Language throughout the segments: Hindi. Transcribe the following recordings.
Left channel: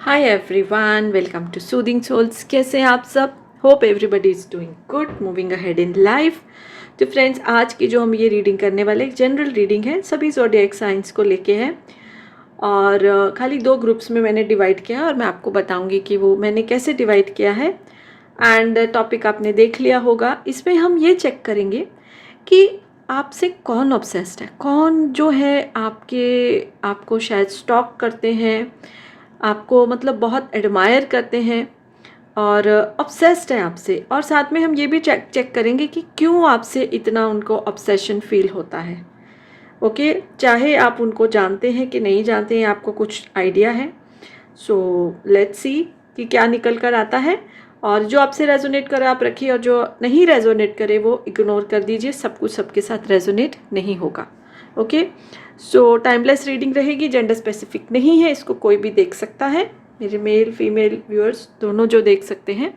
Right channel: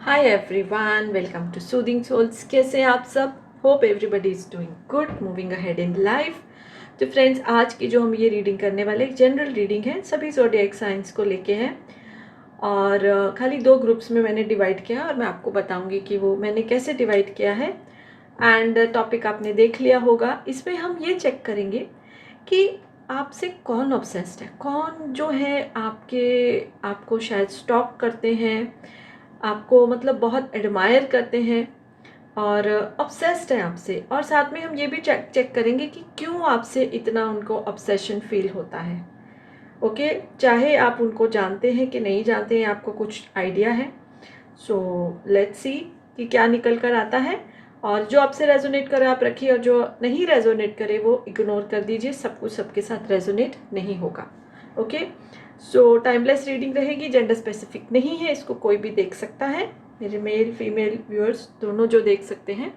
Hi everyone, welcome to soothing souls. कैसे हैं आप सब? Hope everybody is doing good, moving ahead in life. तो फ्रेंड्स, आज की जो हम ये रीडिंग करने वाले एक जनरल रीडिंग है, सभी ज़ोडिएक साइंस को लेके है। और खाली 2 ग्रुप्स में मैंने डिवाइड किया और मैं आपको बताऊंगी कि वो मैंने कैसे डिवाइड किया है। एंड टॉपिक आपने देख लिया होगा। इसमें हम ये चेक करेंगे कि आपसे कौन ऑब्सेस्ड है, कौन जो है आपको शायद स्टॉक करते हैं, आपको मतलब बहुत एडमायर करते हैं और ऑब्सेस्ड है आपसे। और साथ में हम ये भी चेक करेंगे कि क्यों आपसे इतना उनको ऑब्सेशन फील होता है। ओके, चाहे आप उनको जानते हैं कि नहीं जानते हैं, आपको कुछ आइडिया है। सो लेट्स सी कि क्या निकल कर आता है। और जो आपसे रेजोनेट करे आप रखिए, और जो नहीं रेजोनेट करे वो इग्नोर कर दीजिए। सब कुछ सबके साथ रेजोनेट नहीं होगा। ओके, सो टाइमलेस रीडिंग रहेगी, जेंडर स्पेसिफिक नहीं है, इसको कोई भी देख सकता है। मेरे मेल फीमेल व्यूअर्स दोनों जो देख सकते हैं।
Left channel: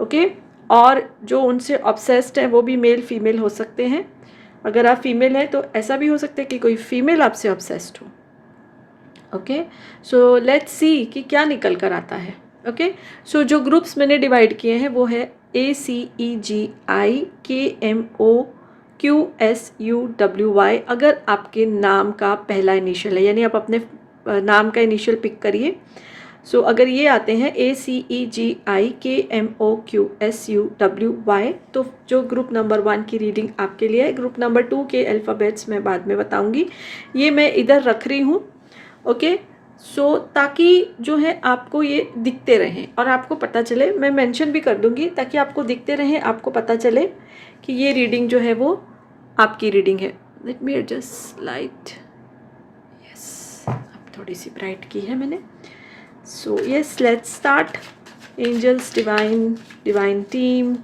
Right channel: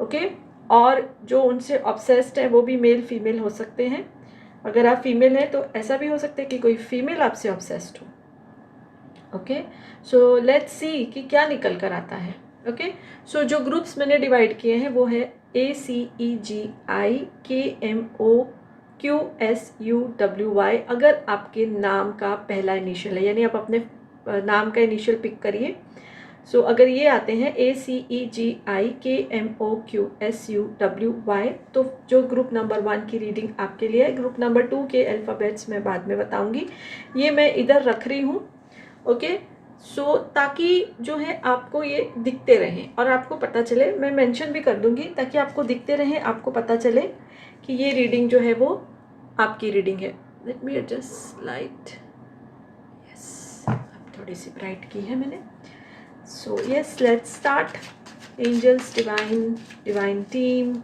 ओके, और जो उनसे ऑब्सेस्ड है वो भी मेल फीमेल हो सकते हैं। अगर आप फीमेल हैं तो ऐसा भी हो सकता है कि कोई फीमेल आपसे ऑब्सेस्ड हो। ओके, सो लेट्स सी कि क्या निकल कर आता है। ओके, सो जो ग्रुप्स मैंने डिवाइड किए हैं वो है ACEGIKMOQSUWY। अगर आपके नाम का पहला इनिशियल है, यानी आप अपने नाम का इनिशियल पिक करिए। सो अगर ये आते हैं ACEGIKMOQSUWY, तो जो ग्रुप नंबर 1 की रीडिंग आपके लिए है। ग्रुप नंबर 2 के अल्फ़ाबेट्स मैं बाद में बताऊंगी, ये मैं इधर रख रही हूँ। ओके, सो ताकि जो है आपको ये दिखते रहें और आपको पता चले, मैं मेंशन भी कर दूंगी ताकि आपको दिखते रहें, आपको पता चले कि ये रीडिंग जो है वो आपकी रीडिंग है। Let me adjust light. Yes, अब थोड़ी सी ब्राइट की है मैंने। So yes, let's start. Angels, divine team,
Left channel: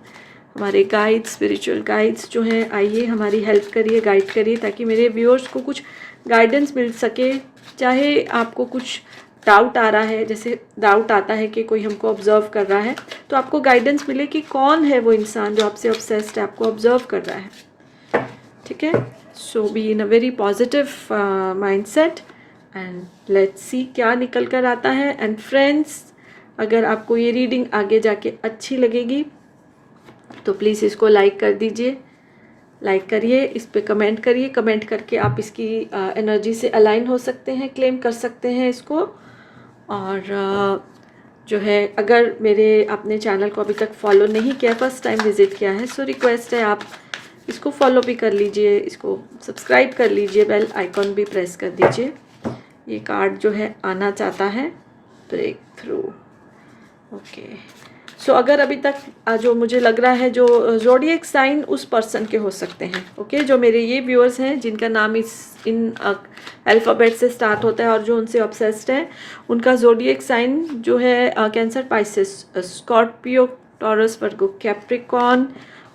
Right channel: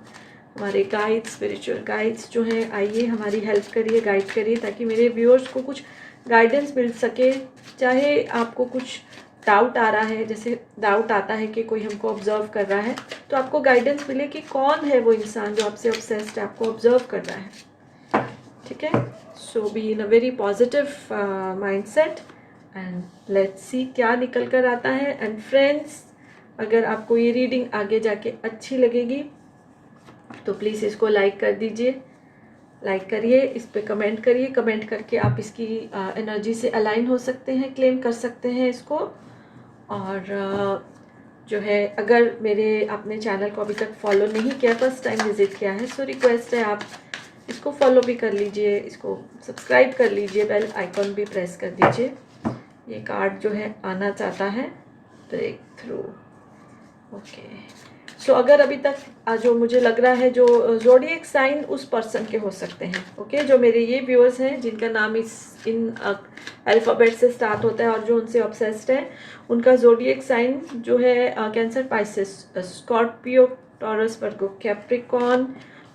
हमारे गाइड्स, स्पिरिचुअल गाइड्स जो हैं, आइए हमारी हेल्प करिए, गाइड करिए, ताकि मेरे व्यूअर्स को कुछ गाइडेंस मिल सके। चाहे आपको कुछ डाउट आ रहा है, जैसे डाउट आता है कि कोई हमको ऑब्जर्व कर रहा है, तो आपको गाइडेंस मिले कि कौन है वो इंसान जो आपसे ऑब्सेस्ड है, आपको ऑब्जर्व कर रहा है। ठीक है, so be in a very positive mindset and let's see क्या निकल कर आता है। एंड फ्रेंड्स, अगर आपको ये रीडिंग आगे जाके अच्छी लगेगी तो प्लीज़ इसको लाइक कर दीजिए, लाइक करिए, इस पर कमेंट करिए। कमेंट करके आप इसकी एनर्जी से अलाइन हो सकते हैं, क्लेम कर सकते हैं इसको। और जो है, अगर मेरे आपने चैनल को अभी तक फॉलो नहीं किया, फर्स्ट टाइम विजिट किया है, सो रिक्वेस्ट है आप इसको फॉलो भी कर लीजिए, इसको सब्सक्राइब कर लीजिए, बेल आइकॉन भी प्रेस कर दीजिए। ये कार्ड जो है आना चाहता है ब्रेक थ्रू। ओके, सो अगर अभी तक जो मुझे लग रहा है जो ज़ोडिएक साइन उस पर्सन के हो सकते हैं। ओके, जो मेरे ये व्यूअर्स हैं जिनका नाम इन अल्फ़ाबेट से स्टार्ट होता है और जो उनसे ऑब्सेस्ड है, उनका ज़ोडिएक साइन जो है कैंसर, पाइसेस, स्कॉर्पियो, टॉरस, वर्गो, कैप्रिकॉर्न,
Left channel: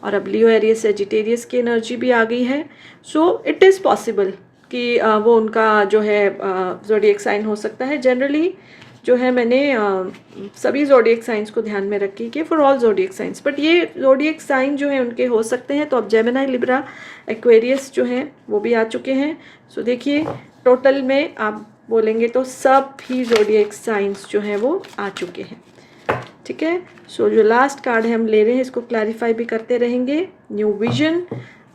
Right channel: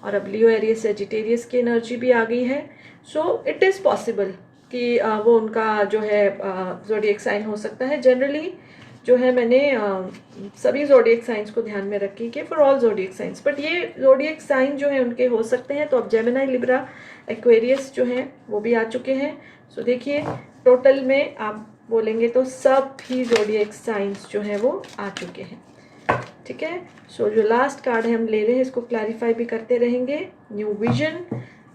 और अब लियो, एरियस, सेजिटेरियस की एनर्जी भी आ गई है। सो इट इज़ पॉसिबल कि वो उनका जो है ज़ोडिएक साइन हो सकता है। जनरली जो है मैंने सभी ज़ोडिएक साइंस को ध्यान में रखी कि for all zodiac science, but ये ज़ोडिएक साइन जो है उनके हो सकते हैं। तो अब जेमिनी, लिब्रा, एक्वेरियस जो हैं वो भी आ चुके हैं। सो देखिए, टोटल में आप बोलेंगे तो सब ही ज़ोडिएक साइंस जो हैं वो आ चुके हैं। ठीक है, सो जो लास्ट कार्ड है हम ले रहे हैं, इसको क्लैरिफाई भी करते रहेंगे। न्यू विजन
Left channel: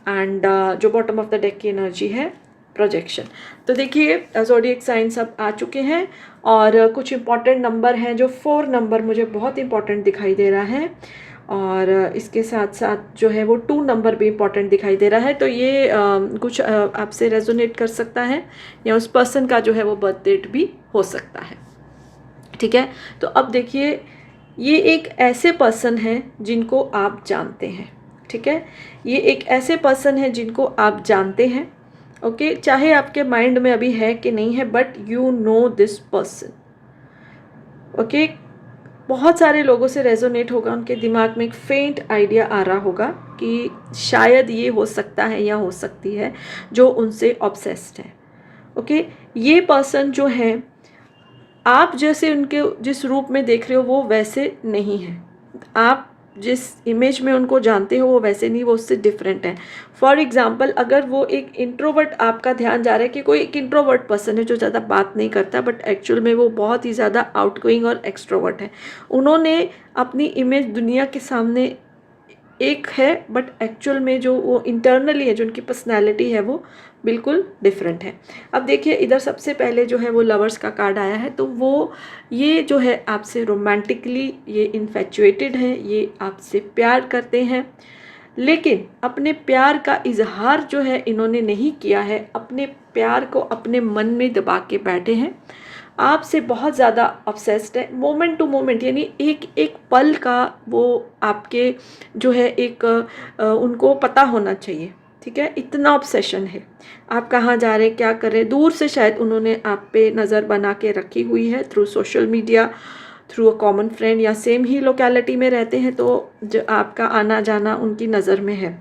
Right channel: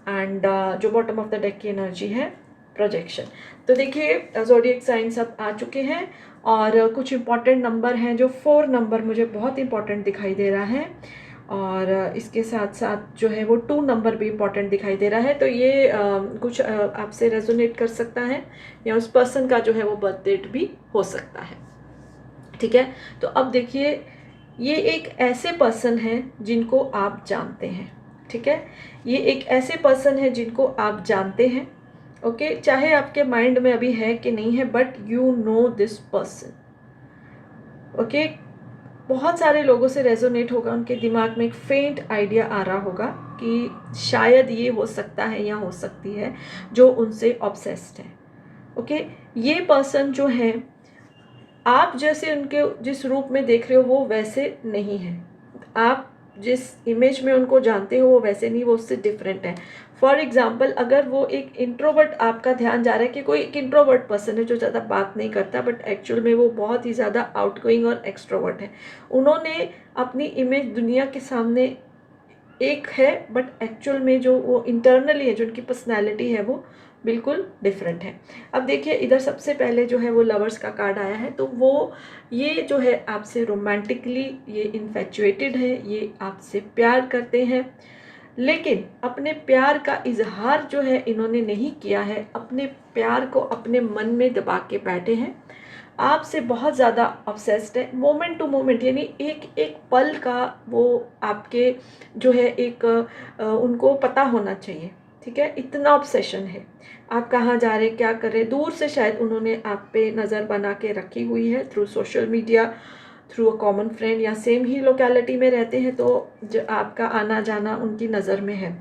एंड जो बॉटम ऑफ द डेक की एनर्जी है, प्रोजेक्शन। तो देखिए, ज़ोडिएक साइंस अब आ चुके हैं और कुछ इंपॉर्टेंट नंबर हैं। जो 4 नंबर मुझे बहुत इंपॉर्टेंट दिखाई दे रहा है, और इसके साथ साथ जो है वो 2 नंबर भी इंपॉर्टेंट दिखाई दे रहा है। तो ये कुछ आपसे रेजोनेट कर सकता है, या उस पर्सन का जो है वो बर्थ डेट भी हो सकता है। ठीक है, तो अब देखिए, ये एक ऐसे पर्सन हैं जिनको आप जानते हैं। ठीक है, ये एक ऐसे पर्सन है जिनको आप जानते हैं। ओके, चाहे आपके माइंड में अभी है कि नहीं है, but you know this person. Okay, बहुत सारे लोगों से रेजोनेट होगा, उनके दिमाग में एक फेंट आइडिया आ रहा होगा कि शायद ये हो सकता है या हो सकती है जो उनसे ऑब्सेस्ड है। ओके, ये पर्सन जो है, आप जैसे उनके जिस रूप में देख रहे हो वो वैसे नहीं है। आप जिस इमेज में उनको जानते हो वो वैसे नहीं, वो उससे डिफरेंट है। फॉर एग्जाम्पल, अगर वो एक इंट्रोवर्ट, आपका ध्यान जा रहा है कि कोई एक इंट्रोवर्ट पर्सन है जो ज़्यादा बात नहीं करता, बट एक्चुअल में वो बहुत ही ज़्यादा आउटगोइंग और एक्सट्रोवर्ट है। उन्होंने अपनी इमेज दुनिया के सामने एक है, बट एक्चुअल में जो वो इंटरनली है, जो उनकी पर्सनैलिटी है, वो बिल्कुल डिफरेंट है। अब देखिए इधर सबसे पहले जो है वो लवर्स का कार्ड आया है, तो वो ये जो है आपसे रोमांटिकली ये इन्फेचुएटेड है, ये आपसे प्यार करते हैं, लेकिन अपने प्यार का इजहार जो है इन्होंने नहीं किया है, अपने प्यार को अपने मन में दबा के बैठे हैं, आपसे बहुत ज़्यादा ऑब्सेस्ड है, मोमेंट टू मोमेंट, यानी एक एक पल का वो आपके जो है एक उनको पता होना चाहिए, ठीक है, इतना ऑब्सेशन है। आप कहाँ जा रहे हैं, क्या कर रहे हैं, दूर से शायद उन्होंने आप पे नज़र बना के रखी हुई है, through social media, through a common friend, या सेम ही लोकेलिटी में रहते हैं, तो जो आपका आना जाना उनकी नज़र में है।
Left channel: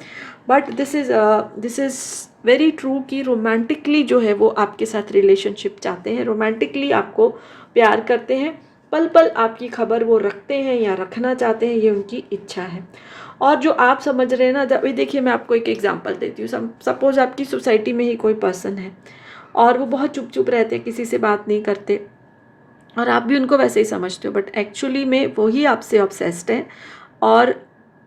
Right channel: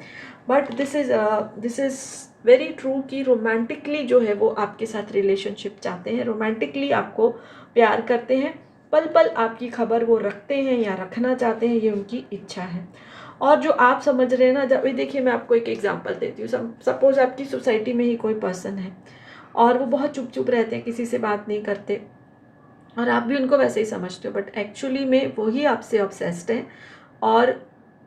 But this is very true कि रोमांटिकली जो है वो आपके साथ रिलेशनशिप चाहते हैं, रोमांटिकली आपको प्यार करते हैं, पल पल आपकी खबर वो रखते हैं या रखना चाहते हैं, ये उनकी इच्छा है। और जो आप समझ रहे हैं ना, जब देखिए मैं आपको एक एग्जांपल देती हूँ। सपोज आपकी सोसाइटी में ही कोई पर्सन है और वो बहुत चुप चुप रहते हैं, किसी से बात नहीं करते, और आप भी उनको वैसे ही समझते हो, बट एक्चुअली में वही आपसे ऑब्सेस्ड है, और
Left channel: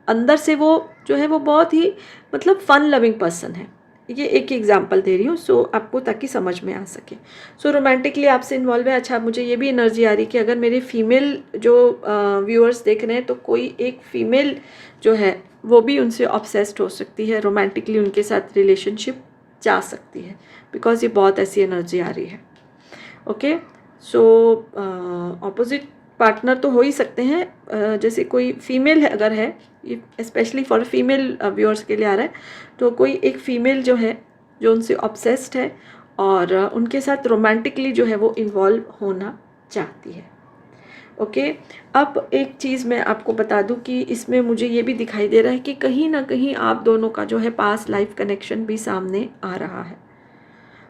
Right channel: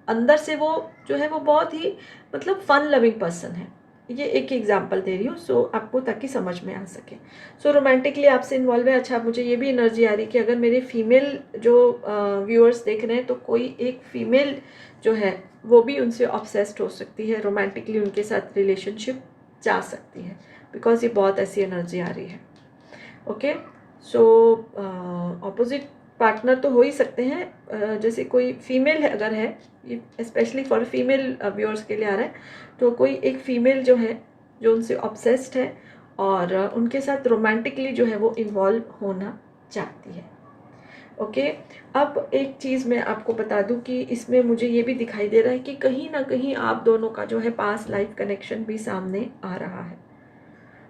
अंदर से वो जो है वो बहुत ही मतलब फन लविंग पर्सन है। ये एक एग्जांपल दे रही हूँ, सो आपको ताकि समझ में आ सके। सो रोमांटिकली आपसे इन्वॉल्व है। अच्छा, मुझे ये भी एनर्जी आ रही कि अगर मेरे फीमेल जो व्यूअर्स देख रहे हैं, तो कोई एक फीमेल जो है वो भी उनसे ऑब्सेस्ड हो सकती है, रोमांटिकली उनके साथ रिलेशनशिप जा सकती है, बिकॉज ये बहुत ऐसी एनर्जी आ रही है। ओके, सो ऑपोजिट पार्टनर तो हो ही सकते हैं, जैसे कोई फीमेल है अगर है, ये स्पेशली फॉर फीमेल व्यूअर्स के लिए आ रहा है, तो कोई एक फीमेल जो है जो उनसे ऑब्सेस्ड है और उनके साथ रोमांटिकली जो है वो इन्वॉल्व होना चाहती है। ओके, अब एक चीज़ मैं आपको बता दूं कि इसमें मुझे ये भी दिखाई दे रहा है कि कहीं ना कहीं आप दोनों का जो है पास्ट लाइफ कनेक्शन भी सामने आ रहा है,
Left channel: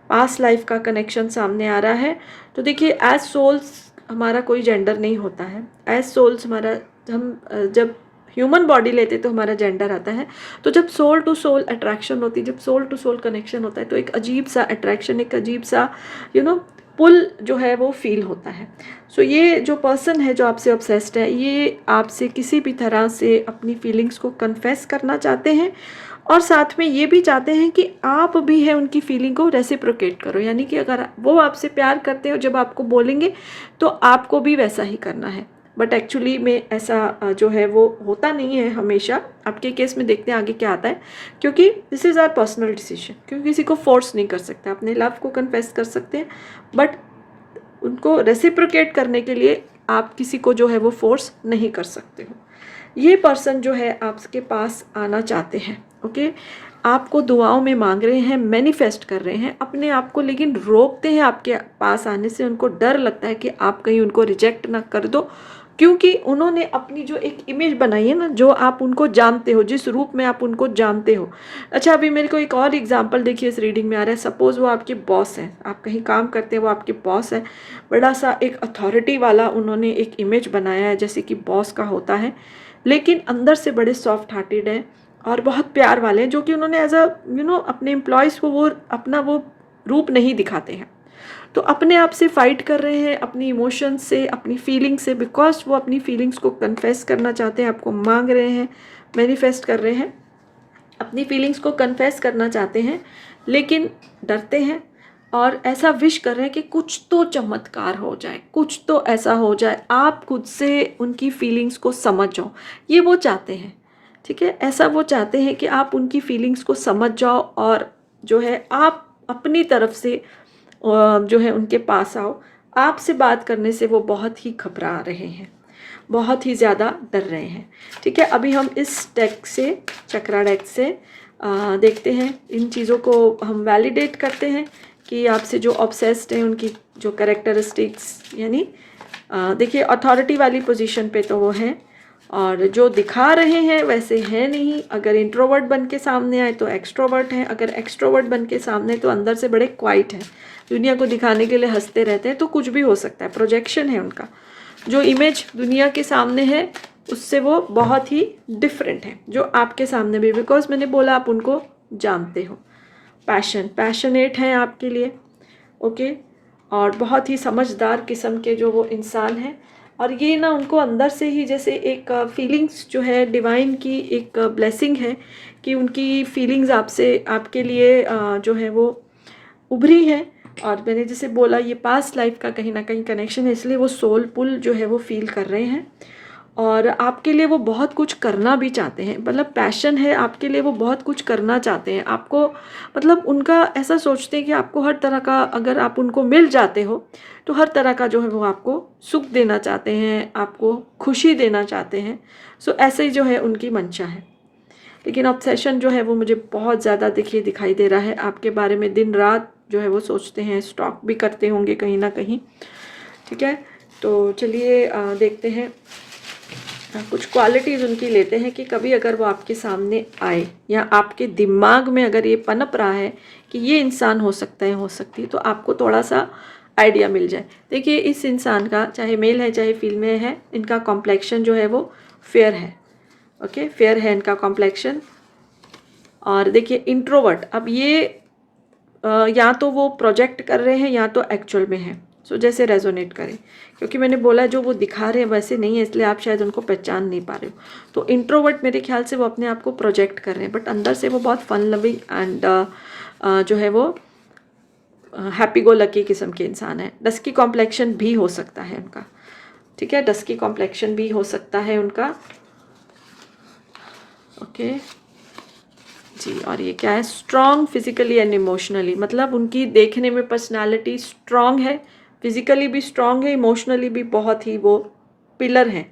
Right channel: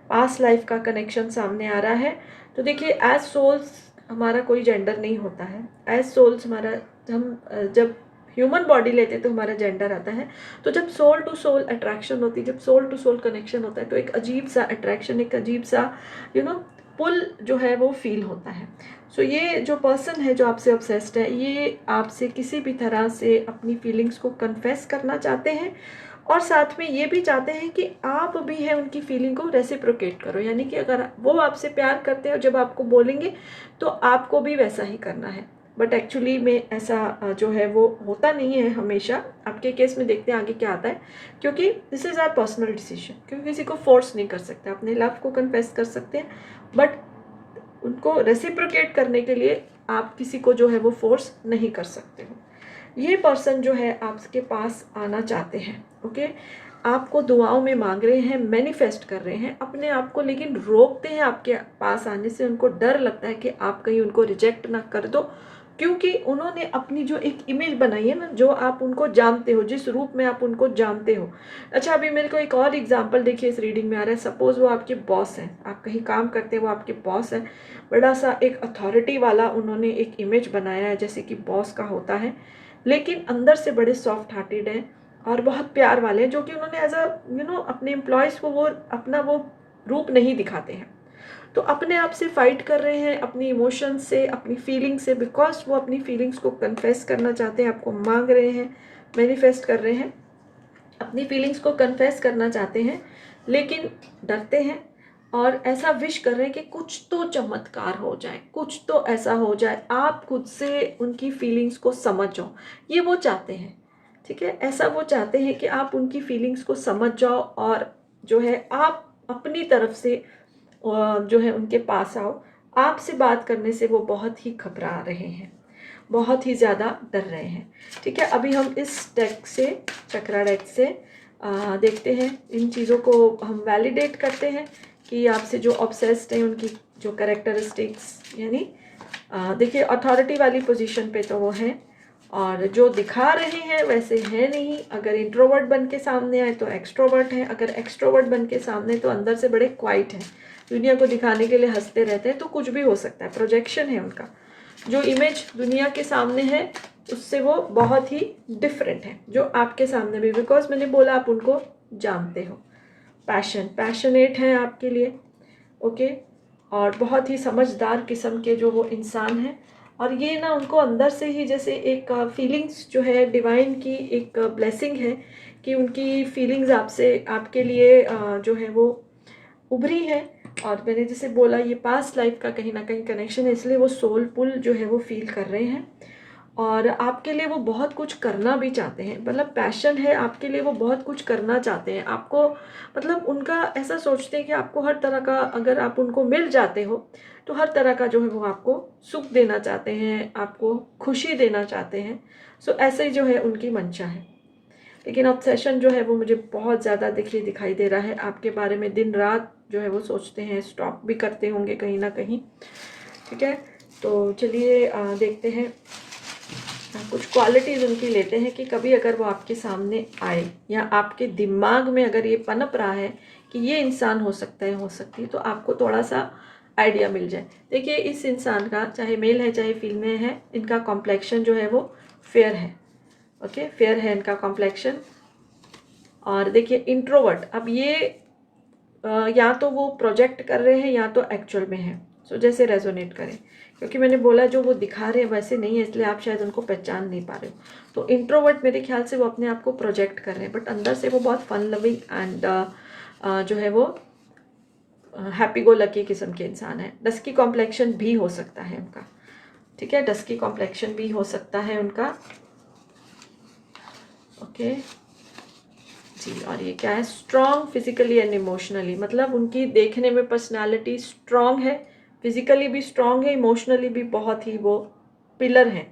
पास्ट लाइफ का कनेक्शन सामने आ रहा है। तो देखिए, एज सोल्स हमारा कोई जेंडर नहीं होता है, एज सोल्स हमारा, हम जब ह्यूमन बॉडी लेते तो हमारा जेंडर आता है। तो जब सोल टू सोल अट्रैक्शन होती है, जब सोल टू सोल कनेक्शन होता है, तो एक अजीब सा अट्रैक्शन, एक अजीब सा पुल जो है वो फील होता है। सो ये जो पर्सन है जो आपसे ऑब्सेस्ड है, ये आपसे किसी भी तरह से अपनी फीलिंग्स को कन्फेस करना चाहते हैं, और साथ में ये भी चाहते हैं कि आप भी है उनकी फीलिंग को रेसिप्रोकेट करो, यानी कि अगर वो आपसे प्यार करते हो, जब आपको बोलेंगे तो आपको भी वैसा ही करना है। बट एक्चुअली में ऐसा जो है वो होता नहीं है हमेशा। आपके केस में देखते हैं आगे क्या आता है, क्योंकि this is our personal decision, क्योंकि किसी को फोर्स नहीं कर सकते। अपने लव को कन्फेस कर सकते हैं, बट उनको रेसिप्रोकेट करने के लिए आप किसी को जो है वो फोर्स नहीं कर सकते हो। ये पर्सन जो है आपके पास आना चाहते हैं, ओके, आपको दुआओं में मांग रहे हैं, मैनिफेस्ट कर रहे हैं अपने आप को, लेकिन रोकते हैं आपके पास आने से। उनको डर लगता है कि आप कहीं उनको रिजेक्ट ना कर दो, क्योंकि उन्होंने अपनी जो एक इमेज बनाई है ना, जो आप उनको जानते हो, जिस रूप में आप उनको जानते हो। अच्छा, अभी मेरे को एक और एग्जांपल देखिए इस रीडिंग में आ रहा है। सपोज वो आपके बॉस हैं, आप कहीं काम करते हैं, वो आपके बॉस है, बड़ा सा एक अथॉरिटी वाला उन्होंने एक इमेज बनाया है जैसे कि बॉस का होता है, लेकिन अंदर से बड़े सॉफ्ट हार्टेड हैं और बहुत प्यार वाले हैं, जो कि उन्होंने एज अ अपने एम्प्लॉयज़ को वो अपना वो रूप नहीं दिखाते हैं। तो अपने आप से फाइट कर रहे हैं, अपनी इमोशंस से, अपनी फीलिंग से, बिकॉज वो अपनी फीलिंग्स को कन्फेस करना चाहते हैं, आपको मांग रहे हैं, मैनिफेस्ट कर रहे हैं, अपनी फीलिंग्स को कन्फेस करना चाहते हैं, लेकिन डरते हैं और ऐसा विश कर रहे हैं कि कुछ तो चमत्कार हो जाए, कुछ तो ऐसा हो जाए, आप खुद से उनकी फीलिंग्स को समझ जाओ। ये वो चाहते हैं, ठीक है, ऐसा वो चाहते हैं कि आप उनकी फीलिंग्स को समझ जाओ और जो है आप अपनी तरफ से जो है उनके पास आओ। आपसे बात करने से वो बहुत ही घबरा रहे हैं, बहुत ही ज़्यादा डर रहे हैं, ठीक है। अभी हम इस डेक से, चक्रा डेक से देखते हैं, इन चीज़ों को हम वैलिडेट करते हैं कि आपसे जो ऑब्सेस्ड हैं उनकी जो कैरेक्टरिस्टिक्स, यानी देखिए अथॉरिटी वाली पोजीशन पे तो वो हैं, और जो दिखा रहे हैं वैसे हैं नहीं। अगर इंट्रोवर्ट बन के सामने आए तो एक्सट्रोवर्ट हैं, अगर एक्सट्रोवर्ट बन के सामने तो अंदर से बड़े क्वाइट हैं, दुनिया को दिखाने के लिए हंसते रहते हैं। तो कुछ भी हो सकता है, प्रोजेक्शन है उनका। जो इमेज दुनिया के सामने है उससे वो बहुत ही डिफरेंट है जो आपके सामने भी, बिकॉज मैंने बोला आप उनको जानते हो। पैशनेट हैं आपके लिए, ओके, और बहुत ही समझदार किस्म के जो वो इंसान हैं। और ये ना उनको अंदर से ही जैसे एक फीलिंग्स जो है डिवाइन की एक ब्लेसिंग है कि उनकी फीलिंग्स आपसे, आपके लिए जो है वो उभरी है। और मैंने जैसे बोला ये पास्ट लाइफ का कहीं ना कहीं कनेक्शन है, इसलिए वो सोल पुल जो है वो फील कर रहे हैं। और आपके लिए वो बहुत कुछ करना भी चाहते हैं, मतलब पैशन है आपके लिए, वो बहुत कुछ करना चाहते हैं आपको, मतलब उनका ऐसा सोचते हैं कि आपको हर तरह का, अगर आप उनको मिल जाते हो तो हर तरह का जो है वो आपको सुख देना चाहते हैं, आपको खुशी देना चाहते हैं। सो ऐसे ही जो है उनकी मंशा है। लेकिन ऑब्सेशन जो है वो मुझे बहुत ज़्यादा देखिए दिखाई दे रहा है आपके बारे में, दिन रात जो है वो सोचते हैं, स्टॉक भी करते होंगे कहीं ना कहीं। ठीक है, तो चलिए देखते हैं, कुछ क्वालिटीज़ उनकी लेते हैं कि कभी अगर वो आपके सामने आए या आपके दिमाग में अगर ये पनप रहा है कि ये इंसान हो सकता है, हो सकती है, तो आपको थोड़ा सा आइडिया मिल जाए। देखिए इस इंसान का, चाहे मेल है चाहे फीमेल है, इनका कॉम्प्लेक्शन जो है वो फेयर है, ओके, फेयर है इनका कॉम्प्लेक्शन। और देखिए इंट्रोवर्ट, अब ये या तो वो प्रोजेक्ट कर रहे हैं या तो एक्चुअल में है। सो जैसे रेजोनेट करें, क्योंकि मैंने बोला जो वो दिखा रहे हैं वैसे नहीं है, इसलिए आप शायद उनको पहचान नहीं पा रहे हो। तो इंट्रोवर्ट मेरे ख्याल से वो अपने आप को प्रोजेक्ट कर रहे हैं, बट अंदर से वो बहुत फन लविंग एंड जो है वो हैप्पी गो लकी किस्म के इंसान है। डस्की कॉम्प्लेक्शन भी हो सकता है उनका, ठीक है, डस्की कॉम्प्लेक्शन भी हो सकता है उनका, ओके जी। और ये क्या है, स्ट्रॉन्ग फिजिकली एंड इमोशनली, मतलब उनकी देखने में पर्सनालिटी स्ट्रॉन्ग है, फिजिकली भी स्ट्रॉन्ग है, इमोशनली भी बहुत ही वो पिलर हैं,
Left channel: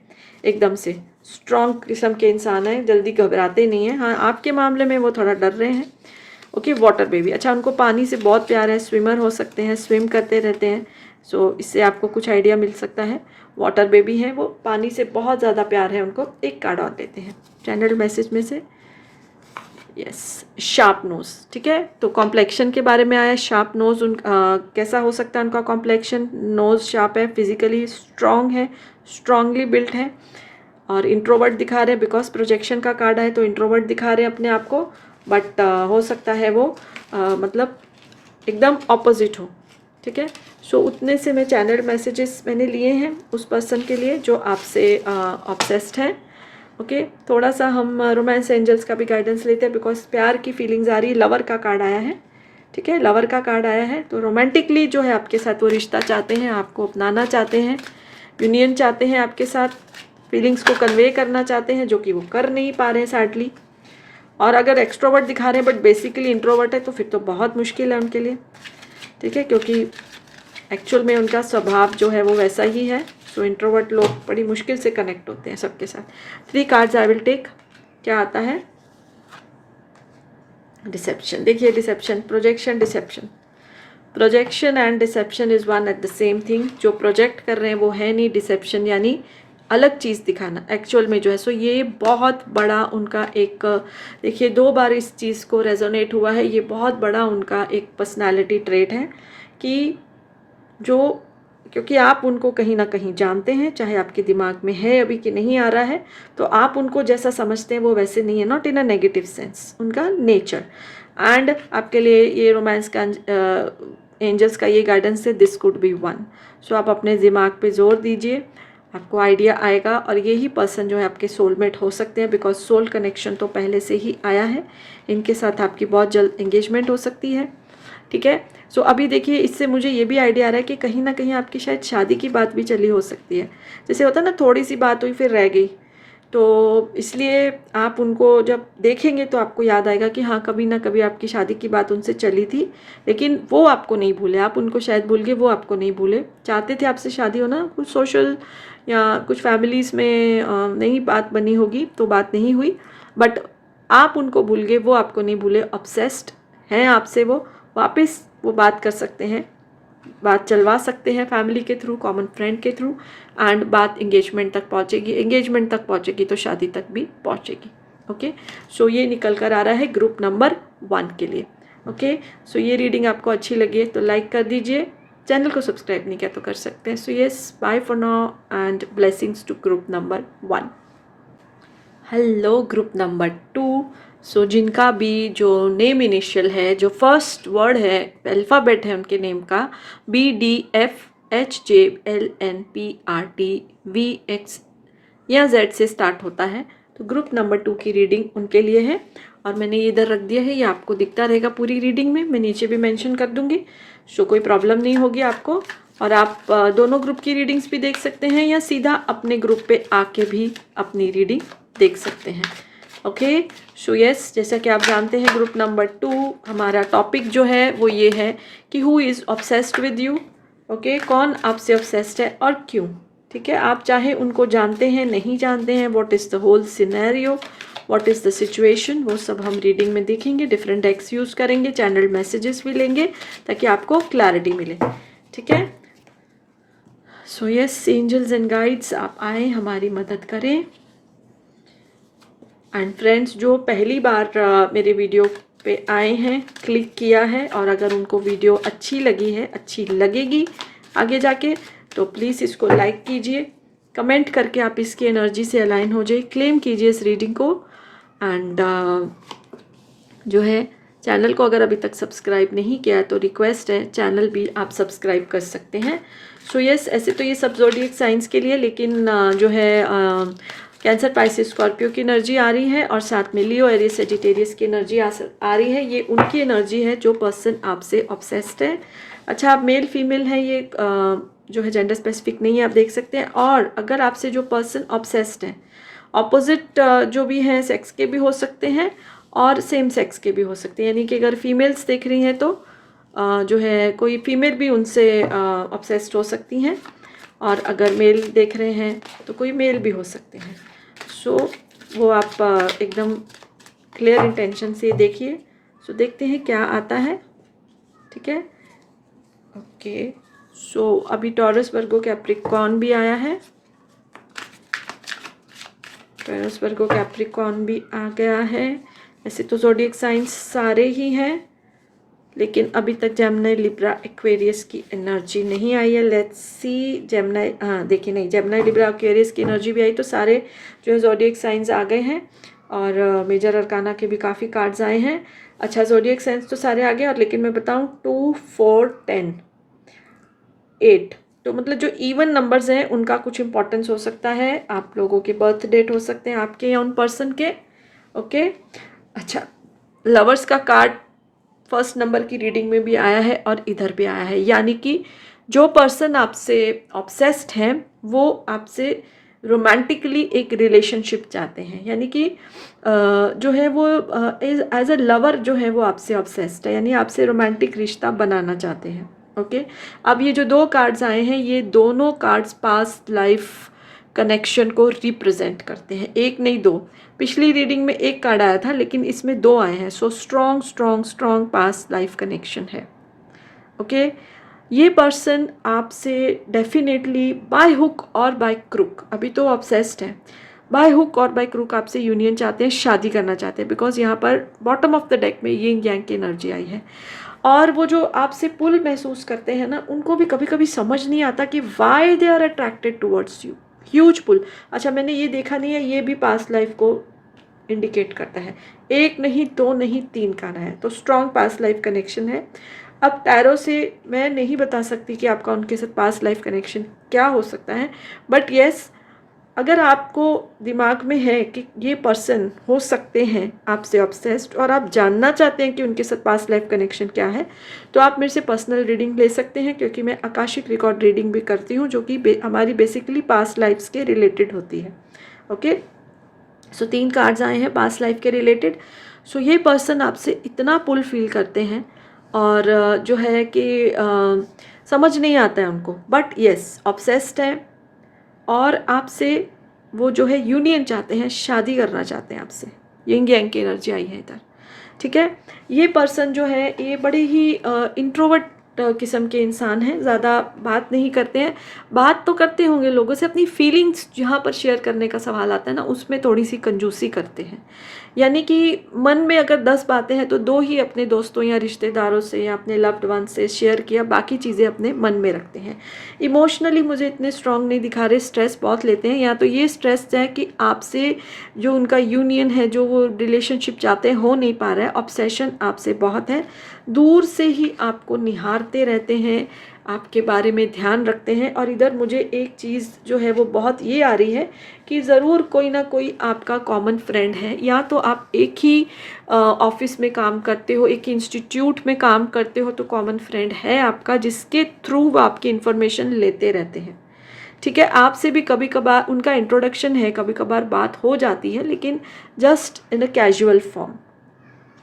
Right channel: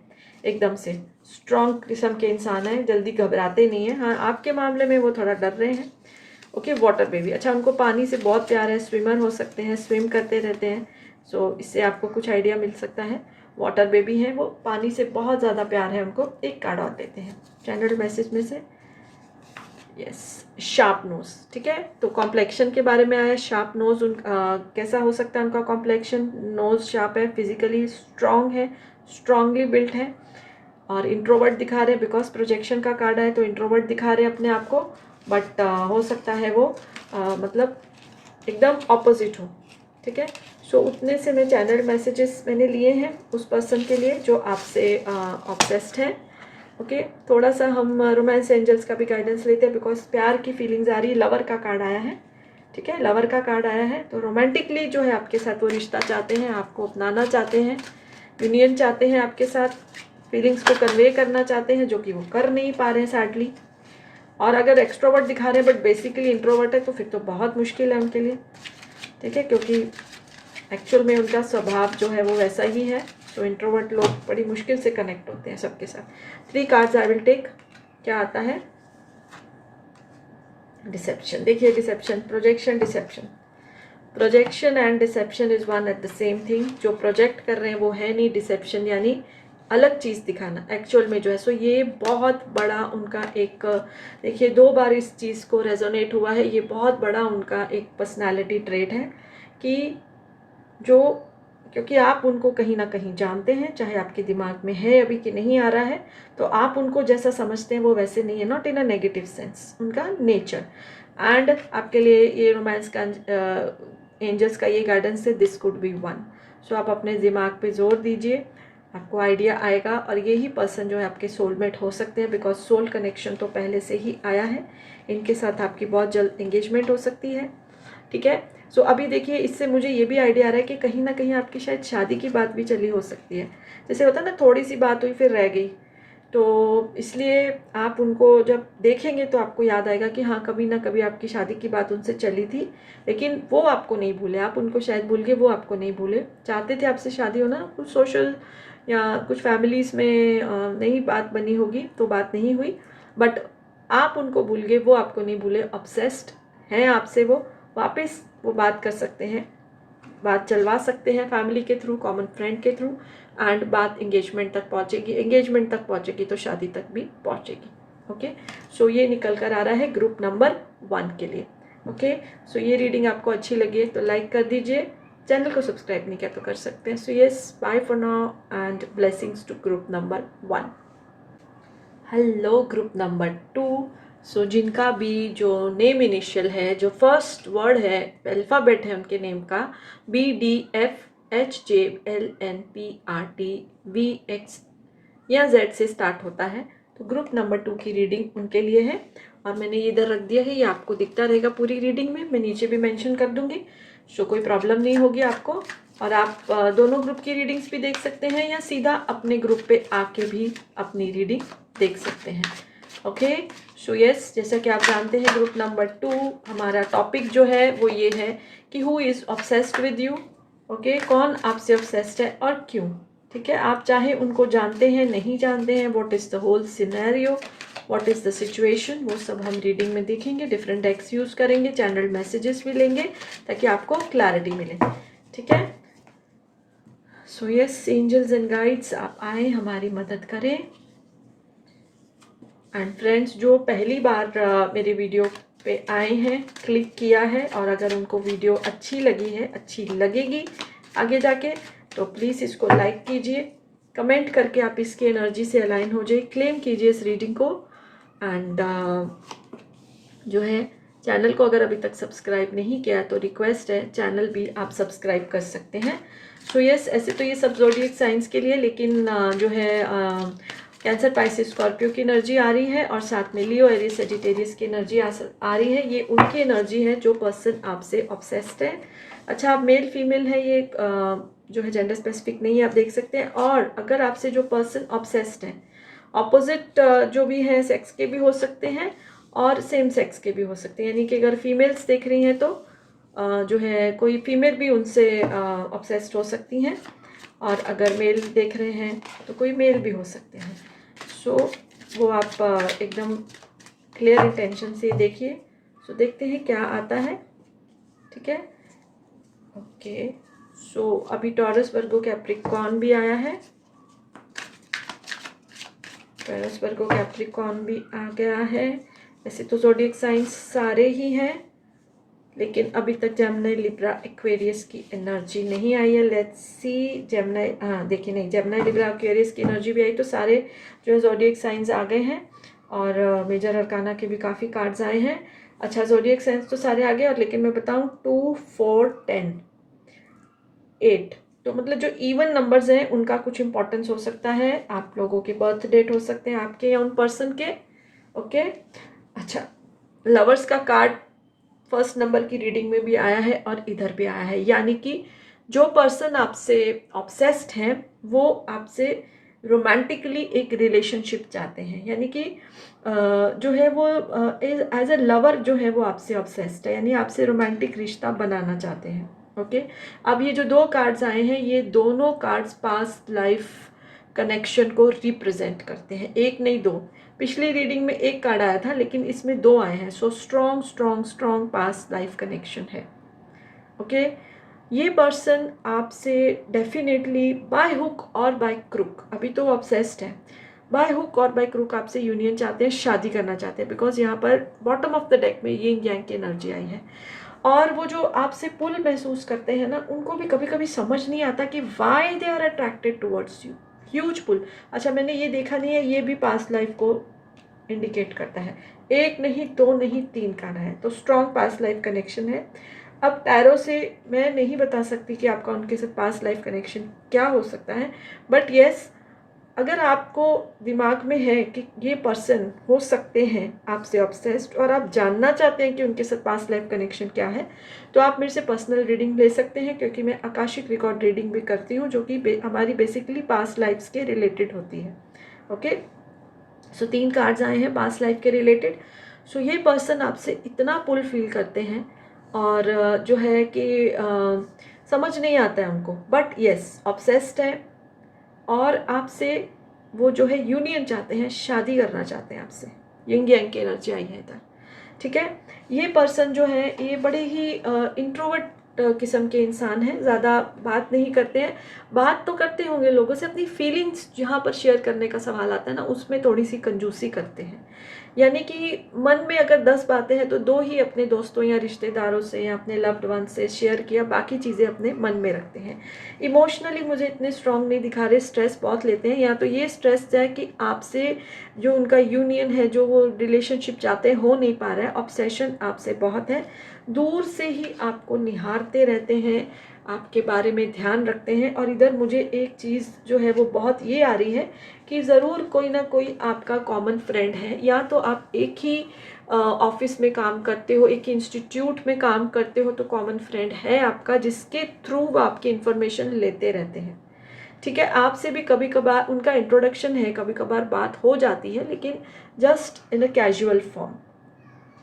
एकदम से स्ट्रॉन्ग किस्म के इंसान हैं, जल्दी घबराते नहीं हैं। हाँ आपके मामले में वो थोड़ा डर रहे हैं, ओके। वाटर बेबी, अच्छा उनको पानी से बहुत प्यार है, स्विमर हो सकते हैं, स्विम करते रहते हैं। सो इससे आपको कुछ आइडिया मिल सकता है। वाटर बेबी है वो, पानी से बहुत ज़्यादा प्यार है उनको। एक कार्ड और देते हैं चैनल मैसेज में से, यस, शार्प नोज, ठीक है। तो कॉम्प्लेक्शन के बारे में आया, शार्प नोज कैसा हो सकता है उनका कॉम्प्लेक्शन, नोज शार्प है, फिजिकली स्ट्रॉन्ग है, स्ट्रांगली बिल्ट है। और इंट्रोवर्ट दिखा रहे हैं, बिकॉज प्रोजेक्शन का कार्ड है तो इंट्रोवर्ट दिखा रहे हैं अपने आप को, बट हो सकता है वो मतलब एकदम ऑपोजिट हो, ठीक है। सो उतने से मैं चैनल मैसेजेस मैंने लिए हैं उस पर्सन के लिए जो आपसे ऑब्सेस्ड है, ओके। थोड़ा सा हम रोमांस एंजल्स का भी गाइडेंस लेते हैं, बिकॉज प्यार की फीलिंग्स आ रही है, लवर का कार्ड आया है, ठीक है, लवर का कार्ड आया है। तो रोमांटिकली जो है आपके साथ वो रिश्ता चाहते हैं, आपको अपनाना चाहते हैं, यूनियन चाहते हैं आपके साथ, फीलिंग्स को कन्वे करना चाहते हैं, जो कि वो कर नहीं पा रहे हैं सैडली। और अगर एक्सट्रोवर्ट दिखा रहे हैं बट बेसिकली इंट्रोवर्ट है, तो फिर तो बहुत मुश्किल है उनके लिए, ठीक है, क्योंकि एक्चुअल में उनका स्वभाव जो है वो वैसा ही है। सो इंट्रोवर्ट लोग बड़ी मुश्किल से कनेक्ट होते हैं सबके साथ। 3 कार्ड्स आई विल टेक, क्या आता है, डिसेप्शन। देखिए deception, projection, deception, projection and deception is one at the same thing. जो प्रोजेक्ट कर रहे हैं वो है नहीं, डिसेप्शन यानी अलग चीज़ दिखाना एक्चुअल में जो है। सो ये बहुत बड़ा उनका एक, देखिए 2 बार इस चीज़ को रेजोनेट हुआ है, ये बहुत बड़ा उनका एक पर्सनालिटी ट्रेट है कि जो, क्योंकि आप उनको कहीं ना कहीं जानते हैं, चाहे आपके दिमाग में है अभी कि नहीं आ रहा है, तो आप उनको जैसा समझते हैं वो वैसे नहीं है, not in a negative sense, उनका नेचर। एंड आपके लिए ये रोमांस का एंजल्स का ये गाइडेंस है, दिस कुड बी वन। सो आप अपने दिमाग पे जोर दीजिए, आपको आइडिया आएगा, और यही पर्सन जो है आपके सोलमेट हो सकते हैं, बिकॉज सोल कनेक्शन तो पहले से ही आया है, इनके साथ आपकी बहुत जल्द एंगेजमेंट हो सकती है, ठीक है। सो अभी देखिए इससे मुझे ये भी आइडिया आ रहा है कि कहीं ना कहीं आपकी शायद शादी की बात भी चली हो सकती है। जैसे होता है ना, थोड़ी सी बात हुई फिर रह गई, तो इसलिए आप उनको जब देखेंगे तो आपको याद आएगा कि हाँ कभी ना कभी आपकी शादी की बात उनसे चली थी, लेकिन वो आपको नहीं भूले, आप उनको शायद भूल गए, वो आपको नहीं भूले। चाहते थे आपसे शादी होना, कुछ सोशल या कुछ फैमिलीज़ में नई बात बनी होगी तो बात नहीं हुई, बट आप उनको भूल गए, वो आपको नहीं भूले, ऑब्सेस्ड हैं आपसे, वो वापस वो बात कर सकते हैं, बात चलवा सकते हैं फैमिली के थ्रू, कॉमन फ्रेंड के थ्रू, एंड बात एंगेजमेंट तक पहुंचेगी, एंगेजमेंट तक पहुंचेगी तो शादी तक भी पहुंचेगी, ओके। सो ये निकल कर आ रहा है ग्रुप नंबर 1 के लिए, ओके। सो ये रीडिंग आपको अच्छी लगी है तो लाइक कर दीजिए, चैनल को सब्सक्राइब नहीं किया तो कर सकते हैं। So yes, bye for now and blessings to group number 1। Hello group number 2। So जिनका भी जो नेम इनिशियल है, जो फर्स्ट वर्ड है, अल्फ़ाबेट है उनके नेम का, BDFHJLNPRTVX या Z से स्टार्ट होता है, तो ग्रुप नंबर 2 की रीडिंग उनके लिए है। और मैंने ये इधर रख दिया है, ये आपको दिखता रहेगा पूरी रीडिंग में, मैं नीचे भी मेंशन कर दूंगी। सो कोई प्रॉब्लम नहीं होगी आपको, और आप दोनों ग्रुप की रीडिंग्स भी देख सकते हैं या सीधा अपने ग्रुप पे आके भी अपनी रीडिंग देख सकते हैं। ओके, सो यस, जैसा कि आप जानते हैं ग्रुप नंबर 2 हमारा टॉपिक जो है वो ये है कि who is obsessed with you. Okay, कौन आपसे ऑब्सेस्ड है और क्यों। ठीक है, आप चाहे उनको जानते हैं नहीं जानते हैं, what is the whole scenario, what is the situation, वो सब हम रीडिंग में देखेंगे। डिफरेंट डेक्स यूज़ करेंगे, चैनल मैसेजेस भी लेंगे ताकि आपको क्लैरिटी मिले। ठीक है, so yes angels and guides, आप आए हमारी मदद करें। एंड फ्रेंड्स, जो पहली बार मेरे वीडियो पे आए हैं, क्लिक किया है, और अगर उनको वीडियो अच्छी लगी है, अच्छी लगेगी आगे जाके, तो प्लीज़ इसको लाइक कीजिए, कमेंट करके आप इसकी एनर्जी से अलाइन हो जाइए, क्लेम कीजिए इस रीडिंग को। एंड जो है चैनल को अगर अभी तक सब्सक्राइब नहीं किया है तो रिक्वेस्ट है, चैनल भी आप सब्सक्राइब कर सकते हैं। सो यस, ऐसे तो ये सब ज़ोडिएक साइंस के लिए, लेकिन जो है कैंसर, पाइसिस, स्कॉर्पियो की एनर्जी आ रही है, और साथ में लियो, एरियस, सेजिटेरियस की एनर्जी आ रही है। ये उनकी एनर्जी है जो पर्सन आपसे ऑब्सेस्ड है। अच्छा, आप मेल फीमेल हैं, ये जो है जेंडर स्पेसिफिक नहीं है, आप देख सकते हैं। और अगर आपसे जो पर्सन ऑब्सेस्ड है, ऑपोजिट जो भी हैं सेक्स के भी हो सकते हैं और सेम सेक्स के भी हो सकते हैं, यानी कि अगर फीमेल्स देख रही हैं तो जो है कोई फीमेल भी उनसे ऑब्सेस्ड हो सकती हैं, और अगर मेल देख रहे हैं तो कोई मेल भी हो सकते हैं। सो वो आप एकदम क्लियर इंटेंशन से देखिए। सो देखते हैं क्या आता है। ठीक है, ओके, सो अभी टॉरस, वर्गो, कैप्रिकॉर्न भी आया है। टॉरस, वर्गो, कैप्रिकॉर्न भी आ गया है। ऐसे तो ज़ोडिएक साइंस सारे ही हैं, लेकिन अभी तक जेमिनी, लिब्रा, एक्वेरियस की एनर्जी नहीं आई है। लेट्स सी जेमिनी, हाँ देखिए, नहीं, जेमिनी, लिब्रा, एक्वेरियस की एनर्जी भी आई, तो सारे जो है ज़ोडिएक साइंस आ गए हैं, और मेजर अरकाना के भी काफ़ी कार्ड्स आए हैं। अच्छा, ज़ोडिएक साइंस तो सारे आ गए, और लेकिन मैं बताऊँ 2, 4, 10, 8, तो मतलब जो इवन नंबर्स हैं उनका कुछ इंपॉर्टेंस हो सकता है। आप लोगों के बर्थ डेट हो सकते हैं आपके या उन पर्सन के। ओके, अच्छा, लवर्स का कार्ड फर्स्ट नंबर की रीडिंग में भी आया है और इधर भी आया है, यानी कि जो पर्सन आपसे ऑब्सेस्ड हैं वो आपसे रोमांटिकली एक रिलेशनशिप चाहते हैं, यानी कि जो है वो एज अ लवर जो है वो आपसे ऑब्सेस्ड है, यानी आपसे रोमांटिक रिश्ता बनाना चाहते हैं। ओके, अब ये जो दो कार्ड्स आए हैं, ये दोनों कार्ड्स पास्ट लाइफ कनेक्शन को रिप्रेजेंट करते हैं, एक नहीं दो। पिछली रीडिंग में एक कार्ड आया था, लेकिन इसमें दो आए हैं। So strong strong strong past life connection है। ओके, ये पर्सन आपसे डेफिनेटली बाय हुक और बाय क्रुक, अभी तो ऑब्सेस्ड है, बाय हुक और बाय क्रुक आपसे यूनियन चाहते हैं, शादी करना चाहते हैं, बिकॉज यहाँ पर बॉटम ऑफ द डेक में यिंग यांग की एनर्जी आई है। और वो जो आपसे पुल महसूस करते हैं ना, उनको भी कभी कभी समझ नहीं आता कि why they are attracted towards you. Huge pull. अच्छा, मैंने ये देखा नहीं है, ये भी पास्ट लाइफ को इंडिकेट करता है। एक नहीं, दो नहीं, 3 का है, तो स्ट्रॉन्ग पास्ट लाइफ कनेक्शन है। अब टैरो से मैं नहीं बता सकती कि आपका उनके साथ पास्ट लाइफ कनेक्शन क्या हो सकता है, बट येस, अगर आपको दिमाग में है कि ये पर्सन हो सकते हैं आपसे ऑब्सेस्ड और आप जानना चाहते हैं कि उनके साथ पास्ट लाइफ कनेक्शन क्या है, तो आप मेरे से पर्सनल रीडिंग ले सकते हैं, क्योंकि मैं आकाशिक रिकॉर्ड रीडिंग भी करती हूँ, जो कि हमारी बेसिकली पास्ट लाइफ्स के रिलेटेड होती है। ओके, सो 3 कार्ड्स आए हैं पास्ट लाइफ के रिलेटेड। सो ये पर्सन आपसे इतना पुल फील करते हैं, और जो है कि समझ नहीं आता है उनको, बट येस ऑब्सेस्ड है, और आपसे वो जो है यूनियन चाहते हैं, शादी करना चाहते हैं आपसे। यिंग यांग की एनर्जी आई है इधर। ठीक है, ये पर्सन जो है ये बड़े ही इंट्रोवर्ट किस्म के इंसान हैं, ज़्यादा बात नहीं करते हैं। बात तो करते होंगे लोगों से, अपनी फीलिंग्स जहाँ पर शेयर करने का सवाल आता है ना, उसमें थोड़ी सी कंजूसी करते हैं। यानी कि मन में अगर 10 बातें हैं तो 2 ही अपने दोस्तों या रिश्तेदारों से या अपने लव्ड वन से शेयर किया, बाकी चीज़ें अपने मन में रखते हैं। इमोशनली मुझे इतने स्ट्रांग नहीं दिखा रहे, स्ट्रेस बहुत लेते हैं। या तो ये स्ट्रेस है कि आपसे जो उनका यूनियन है, जो वो रिलेशनशिप चाहते हैं, हो नहीं पा रहा है, ऑब्सेशन आपसे बहुत है, दूर से ही आपको निहारते रहते हैं, आपके बारे में ध्यान रखते हैं। और इधर मुझे एक चीज़ जो है वो बहुत ये आ रही है कि ज़रूर कोई ना कोई आपका कॉमन फ्रेंड है, या तो आप एक ही ऑफिस में काम करते हो, एक इंस्टीट्यूट में काम करते हो, तो कॉमन फ्रेंड है आपका जिसके थ्रू वो आपकी इन्फॉर्मेशन लेते रहते हैं। ठीक है, आपसे भी कभी कभार उनका इंट्रोडक्शन है, कभी कभार बात हो जाती है, लेकिन just in a casual form.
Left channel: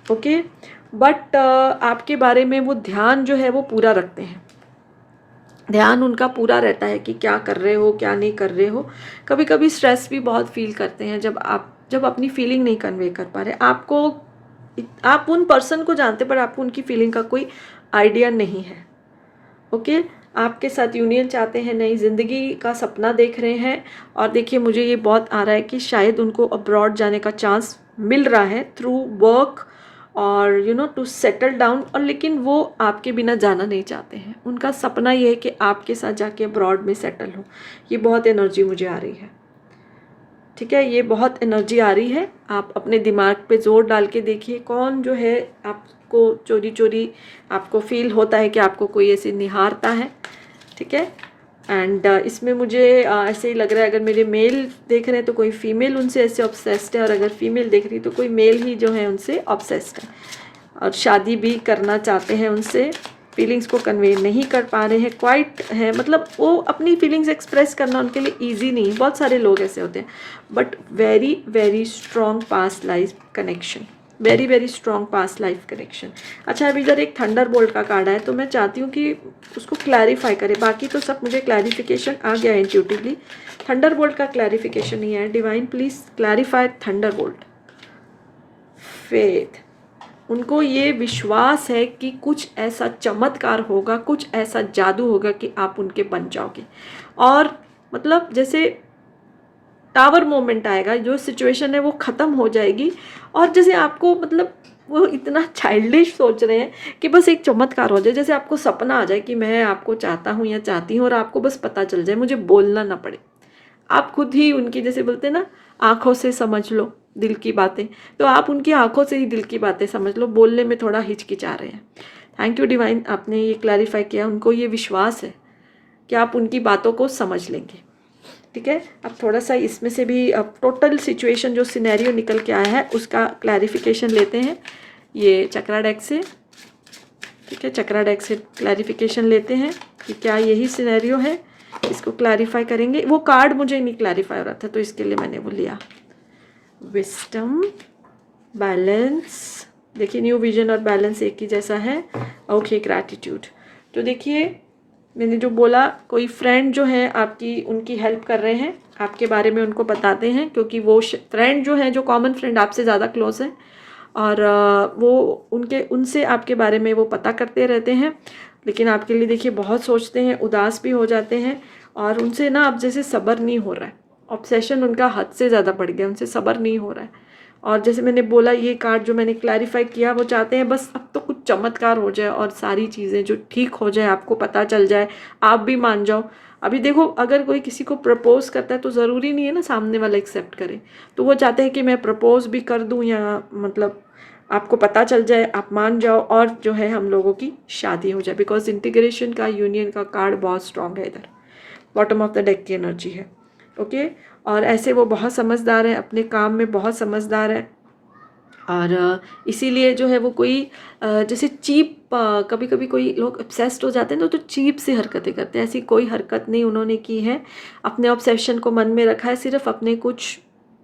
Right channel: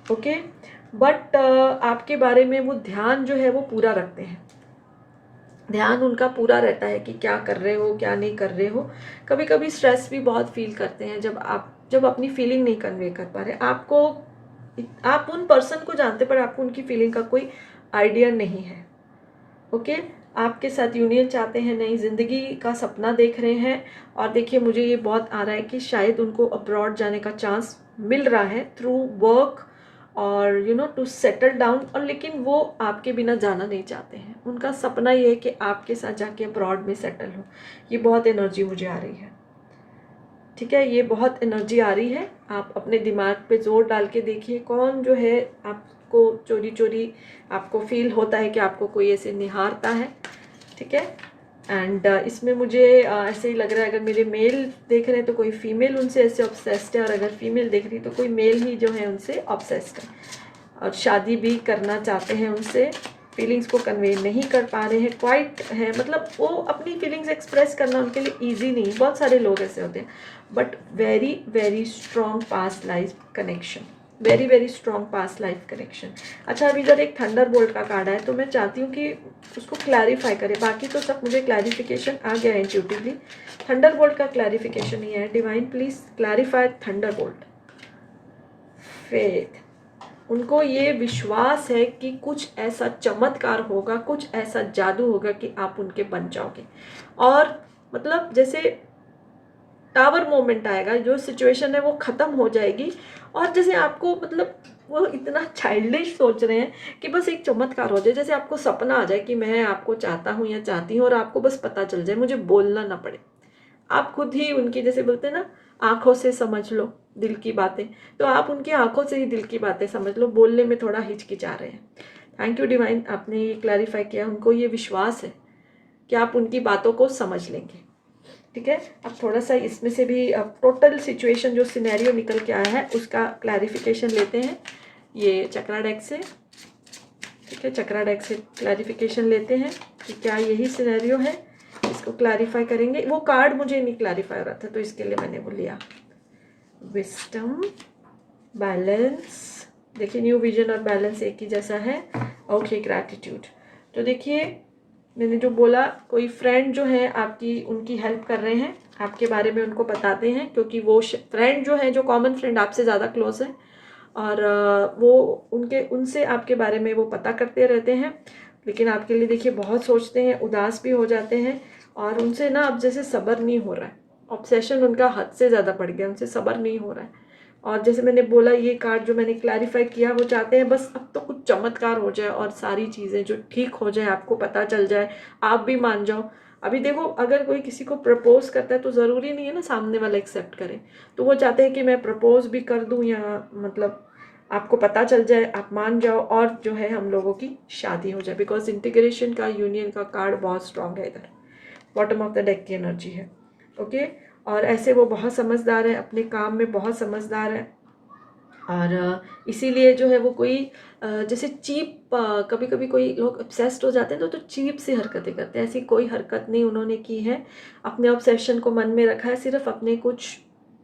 Okay, but आपके बारे में वो ध्यान जो है वो पूरा रखते हैं, ध्यान उनका पूरा रहता है कि क्या कर रहे हो, क्या नहीं कर रहे हो। कभी कभी स्ट्रेस भी बहुत फील करते हैं जब अपनी फीलिंग नहीं कन्वे कर पा रहे। आप उन पर्सन को जानते पर आपको उनकी फीलिंग का कोई आइडिया नहीं है। ओके, आपके साथ यूनियन चाहते हैं, नई ज़िंदगी का सपना देख रहे हैं। और देखिए मुझे ये बहुत आ रहा है कि शायद उनको अब्रॉड जाने का चांस मिल रहा है थ्रू वर्क और टू सेटल डाउन। और लेकिन वो आपके बिना जाना नहीं चाहते हैं, उनका सपना ये है कि आपके साथ जाके अब्रॉड में सेटल हो। ये बहुत एनर्जी मुझे आ रही है। ठीक है, ये बहुत एनर्जी आ रही है। आप अपने दिमाग पे जोर डाल के देखिए, कौन जो है आपको चोरी चोरी आपको फील होता है कि आपको कोई ऐसे निहारता है। ठीक है, एंड इसमें मुझे ऐसे ही लग रहा है, अगर मेरे मेल देख रहे हैं तो कोई फीमेल उनसे ऐसे ऑब्सेस्ड है, और अगर फीमेल देख रही है तो कोई मेल ही जो है उनसे ऑब्सेस्ड है और शादी भी करना चाहते हैं उनसे। फीलिंग्स को कन्वे नहीं कर पा रहे हैं, क्वाइट है, मतलब वो अपनी फीलिंग्स एक्सप्रेस करना उनके लिए ईजी नहीं। बहुत सारे लोग ऐसे होते हैं, but very very strong past life connection, very very strong past life connection. अच्छा, अब इधर एक थंडर बोल्ट का कार्ड है, तो मैं चाहती हूँ कि उसको क्लैरिफाई करें। बाकी तो सब मुझे क्लैरिफिकेशन आ गया है इंट्यूटिवली, थंडर बोल्ट का क्लैरिफिकेशन नहीं है। Divine please clarify thunder bolt. Faith, उनको ये विश्वास है कि कुछ ऐसा चमत्कार होगा, कुछ ऐसा जादू होगा कि आप उनके बन जाओगे। और मतलब जैसे टावर मोमेंट आएगा, जो सिचुएशन है वो ख़त्म हो जाएगी। और जैसे आपको मतलब वो इतना चाइल्डिश सोच रहे हैं कि बस एक चमत्कार हो जाए, जैसे आपको सपना आ जाए कि मैं आपको चाहता हूँ या चाहती हूँ, और आपको बस पता चल जाए, मुझे बोलना ना पड़े। आप खुद ही उनकी, जैसे बोलते हैं ना, आँखों से समझ लो दिल की बातें, तो आप उनकी आँखों से ही दिल की बातें समझ लो। बोलने में थोड़ा हिचकिचा रहे हैं। थैंक यू डिवाइन, आपने ये क्लैरिफाई किया। उनको ये विश्वास है कि आप उनकी बातों को समझ लेंगे। ठीक है, अब थोड़ा सा इसमें से भी अब टोटल सिचुएशन जो सिनेरियो निकल के आया है उसका क्लैरिफिकेशन लेते हैं ये चक्रा डेक से। ठीक है, चक्रा डेक से क्लैरिफिकेशन लेते हैं कि क्या यही सिनेरियो है, इसको क्लैरिफाई करेंगे। वो कार्ड मुझे नहीं क्लैरिफाई हो रहा था, तो इसके लिए मैंने वो लिया। विस्डम, बैलेंस, देखिए न्यू विजन और बैलेंस एक ही जैसा है। Okay, gratitude. तो देखिए मैंने जो बोला, कोई फ्रेंड जो है आपकी, उनकी हेल्प कर रहे हैं, आपके बारे में उनको बताते हैं, क्योंकि वो फ्रेंड जो है, जो कॉमन फ्रेंड आपसे ज़्यादा क्लोज है, और वो उनसे आपके बारे में वो पता करते रहते हैं। लेकिन आपके लिए देखिए बहुत सोचते हैं, उदास भी हो जाते हैं, और उनसे ना अब जैसे सब्र नहीं हो रहा है, ऑब्सेशन उनका हद से ज़्यादा बढ़ गया, उनसे सब्र नहीं हो रहा है। और जैसे मैंने बोला, ये कार्ड जो मैंने क्लैरिफाई किया, वो चाहते हैं बस अब तो कुछ चमत्कार हो जाए और सारी चीज़ें जो ठीक हो जाए, आपको पता चल जाए, आप भी मान जाओ। अभी देखो, अगर कोई किसी को प्रपोज करता है तो ज़रूरी नहीं है ना सामने वाला एक्सेप्ट करे, तो वो चाहते हैं कि मैं प्रपोज भी कर दूं, या मतलब आपको पता चल जाए, आप मान जाओ, और जो है हम लोगों की शादी हो जाए। बिकॉज इंटीग्रेशन का, यूनियन का कार्ड बहुत स्ट्रॉन्ग है, इधर बॉटम ऑफ द डेक की एनर्जी है। ओके, और ऐसे वो बहुत समझदार है, अपने काम में बहुत समझदार है, और इसीलिए जो है वो कोई जैसे चीप, कभी कभी कोई लोग ऑब्सेस्ड हो जाते हैं तो चीप से हरकतें करते हैं, ऐसी कोई हरकत नहीं उन्होंने की है। अपने ऑब्सेशन को मन में रखा है, सिर्फ अपने कुछ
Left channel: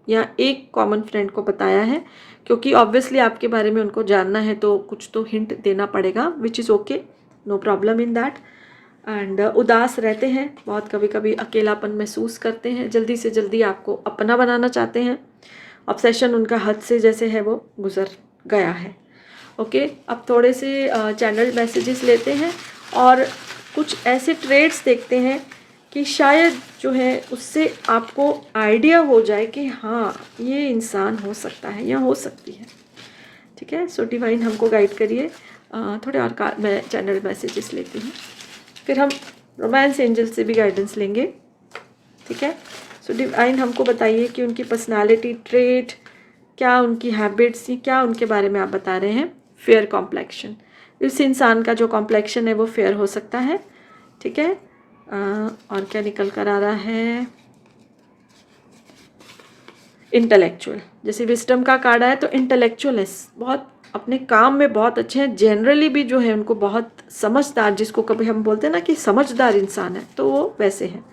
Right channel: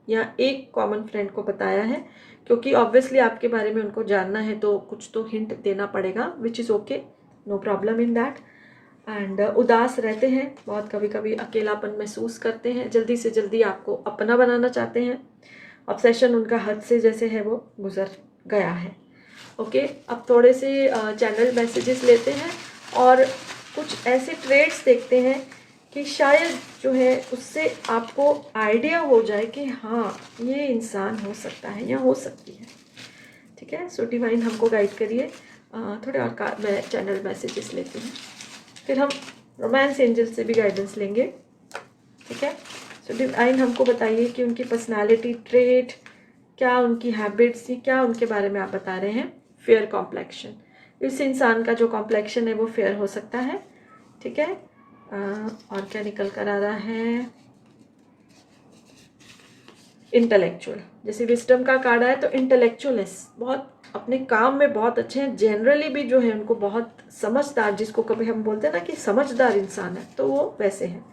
या एक कॉमन फ्रेंड को बताया है, क्योंकि ऑब्वियसली आपके बारे में उनको जानना है, तो कुछ तो हिंट देना पड़ेगा, which is okay, no problem in that. And उदास रहते हैं बहुत, कभी कभी अकेलापन महसूस करते हैं, जल्दी से जल्दी आपको अपना बनाना चाहते हैं। ऑब्सेशन उनका हद से जैसे है वो गुजर गया है। ओके, अब थोड़े से चैनल मैसेजेस लेते हैं और कुछ ऐसे ट्रेड्स देखते हैं कि शायद जो है उससे आपको आइडिया हो जाए कि हाँ ये इंसान हो सकता है या हो सकती है। ठीक है, सो डिवाइन हमको गाइड करिए। थोड़े और मैं चैनल मैसेजेस लेती हूँ, फिर हम रोमांस एंजल से भी गाइडेंस लेंगे। ठीक है, सो डिवाइन हमको बताइए कि उनकी पर्सनालिटी ट्रेट क्या, उनकी हैबिट्स, क्या उनके बारे में आप बता रहे हैं। फेयर कॉम्प्लेक्शन, इस इंसान का जो कॉम्प्लेक्शन है वो फेयर हो सकता है। ठीक है, और क्या निकल कर आ रहा है, इंटेलेक्चुअल, जैसे विस्डम का कार्ड आया तो इंटेलेक्चुअल है, बहुत अपने काम में बहुत अच्छे हैं, जनरली भी जो है उनको बहुत समझदार, जिसको कभी हम बोलते हैं ना कि समझदार इंसान है, तो वो वैसे हैं।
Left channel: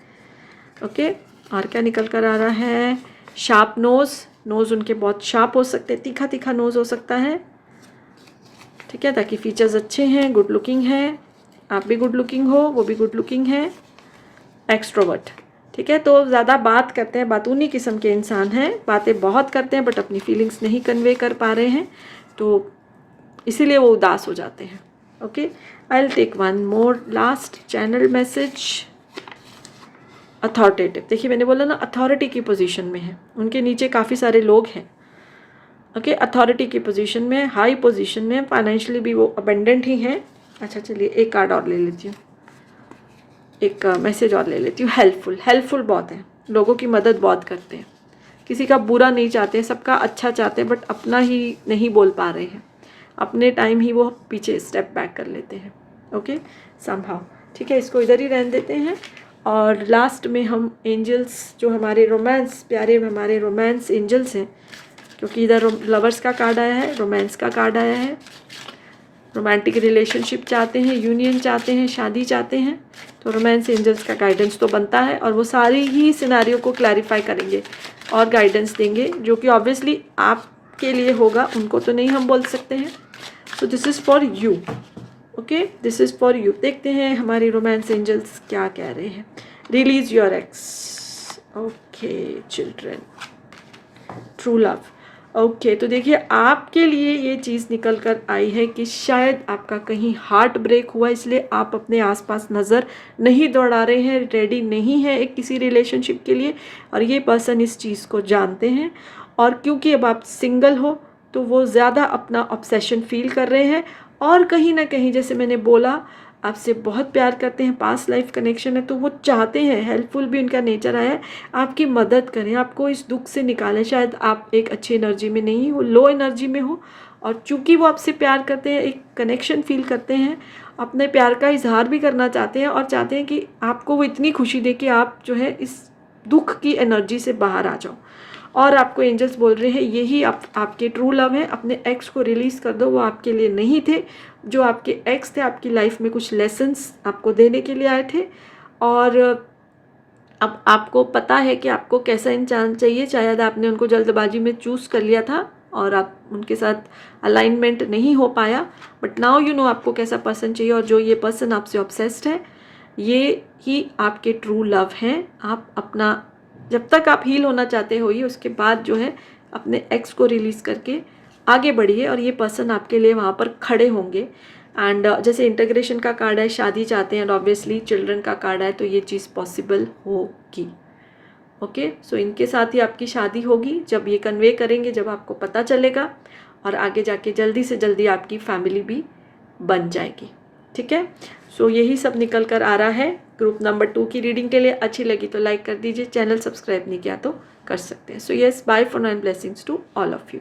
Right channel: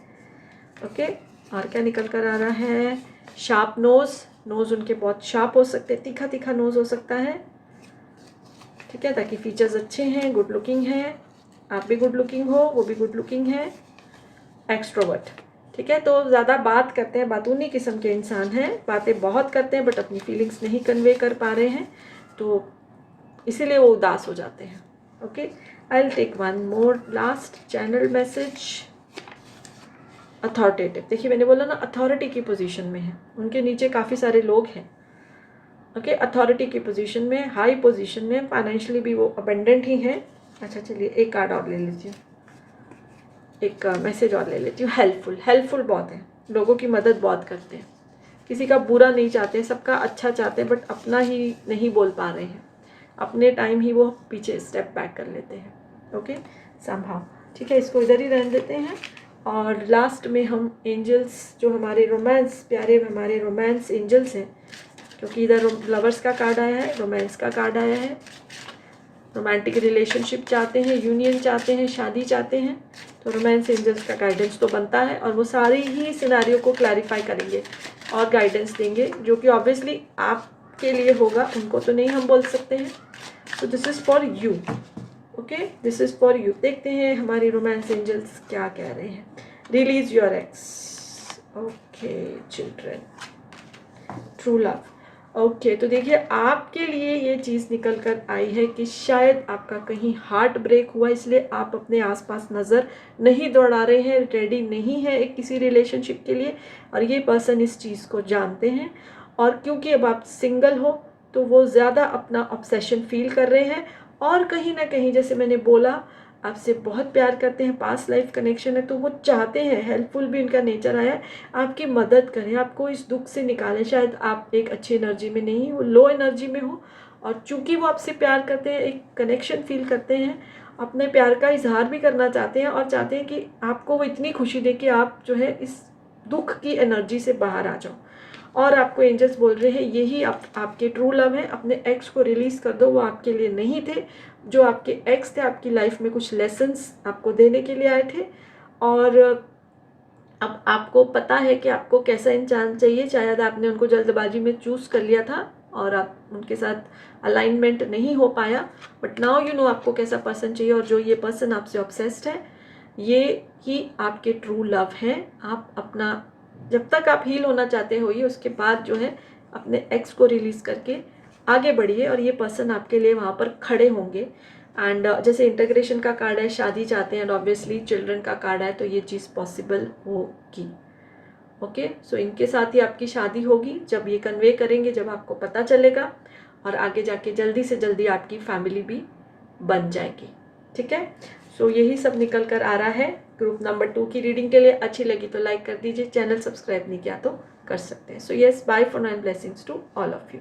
ओके, और क्या निकल कर आ रहा है, शार्प नोज़ उनके बहुत शार्प हो सकते हैं, तीखा तीखा नोज़ हो सकता है। ठीक है, ताकि फीचर्स अच्छे हैं, गुड लुकिंग है, आप भी गुड लुकिंग हो, वो भी गुड लुकिंग है। एक्सट्रोवर्ट, ठीक है, तो ज़्यादा बात करते हैं, बातूनी किस्म के इंसान हैं, बातें बहुत करते हैं बट अपनी फीलिंग्स नहीं कन्वे कर पा रहे हैं, तो इसीलिए वो उदास हो जाते हैं। Okay, I will take one more last channel message. Authoritative, देखिए मैंने बोला ना अथॉरिटी की पोजीशन में है, उनके नीचे काफ़ी सारे लोग हैं। ओके, अथॉरिटी की पोजीशन में, हाई पोजीशन में, फाइनेंशियली भी वो अबेंडेंट ही हैं। अच्छा चलिए एक कार्ड और ले लेती हूँ, एक मैसेज और ले लेती हूँ। हेल्पफुल बहुत है, लोगों की मदद बहुत करते हैं, किसी का बुरा नहीं चाहते, सबका अच्छा चाहते हैं, बट अपना ही नहीं बोल पा रहे हैं, अपने टाइम ही वो पीछे स्टेप बैक कर लेते हैं। ओके, समहाउ, ठीक है, इसको इधर ही रहने देते हैं। और लास्ट में हम एंजल्स, जो हमारे रोमांस, प्यारे हमारे रोमांस एंजल्स हैं, क्योंकि इधर लवर्स का कार्ड आया है, रोमांस का कार्ड आया है, रोमांटिक रिलेशनशिप चाहते हैं, यूनियन चाहते हैं, शादी चाहते हैं, तो रोमांस एंजल्स का गाइडेंस तो बनता है, और वो सारी ही सिनारियों को क्लैरिफाई करेंगे और गाइडेंस देंगे, जो कि ऑब्वियसली आपके लिए होगा, उनको तो नहीं हम बोल सकते हैं। So this is for you. Okay, this is for you. देखते हैं हमारी रोमांस एंजल्स क्या कह रहे हैं। Release your x. Okay children, true love. Okay, तो देखिए आपके लिए ये चीज़ निकल कर आई है कि शायद आपका कहीं हार्ट ब्रेक हुआ, इसलिए आप अपने आसपास नज़र नहीं दौड़ा रहे हैं, रेडी नहीं है एक किसी रिलेशनशिप के लिए, और ये पर्सन इस चीज़ को जानते हैं, और क्योंकि अब आप सिंगल हो तो वो ज़्यादा अपना ऑब्सेशन फील कर रहे हैं, और कहीं ना कहीं जैसे मैंने बोला आपसे बहुत प्यार करते हैं, पास्ट लाइफ कनेक्शन है, तो वो चाहते हैं, हेल्पफुल भी उनका नेचर आया है, आपकी मदद करें, आपको इस दुख से निकालें। शायद आप एक अच्छी एनर्जी में नहीं हो, लो एनर्जी में हो, और चूंकि वो आपसे प्यार करते हैं, एक कनेक्शन फील करते हैं, अपने प्यार का इजहार भी करना चाहते हैं, और चाहते हैं कि आपको वो इतनी खुशी दे कि आप जो है इस दुख की एनर्जी से बाहर आ जाओ। और आपको एंजल्स बोल रहे हैं यही आपके ट्रू लव है, अपने एक्स को रिलीज़ कर दो, वो आपके लिए नहीं थे, जो आपके एक्स थे आपकी लाइफ में कुछ लेसन्स आपको देने के लिए आए थे, और अब आपको पता है कि आपको कैसा इंसान चाहिए। शायद आपने उनको जल्दबाजी में चूज़ कर लिया था और आप उनके साथ अलाइनमेंट नहीं हो पाया, बट नाउ यू नो आपको कैसा पर्सन चाहिए, और जो ये पर्सन आपसे ऑब्सेस्ड है ये ही आपके ट्रू लव हैं। आप अपना, जब तक आप हील होना चाहते हो, ये उसके बाद जो है अपने एक्स को रिलीज़ करके आगे बढ़िए, और ये पर्सन आपके लिए वहाँ पर खड़े होंगे। एंड जैसे इंटीग्रेशन का कार्ड है, शादी चाहते हैं, एंड ऑब्वियसली चिल्ड्रन का कार्ड है, तो ये चीज़ पॉसिबल होगी। ओके, सो इनके साथ ही आपकी शादी होगी, जब ये कन्वे करेंगे, जब आपको पता चलेगा, और आगे जाके जल्दी से जल्दी आपकी फैमिली भी बन जाएगी। ठीक है, सो यही सब निकल कर आ रहा है ग्रुप नंबर 2 की रीडिंग के लिए। अच्छी लगी तो लाइक कर दीजिए, चैनल सब्सक्राइब नहीं किया तो कर सकते हैं। So yes, bye for now and blessings to all of you.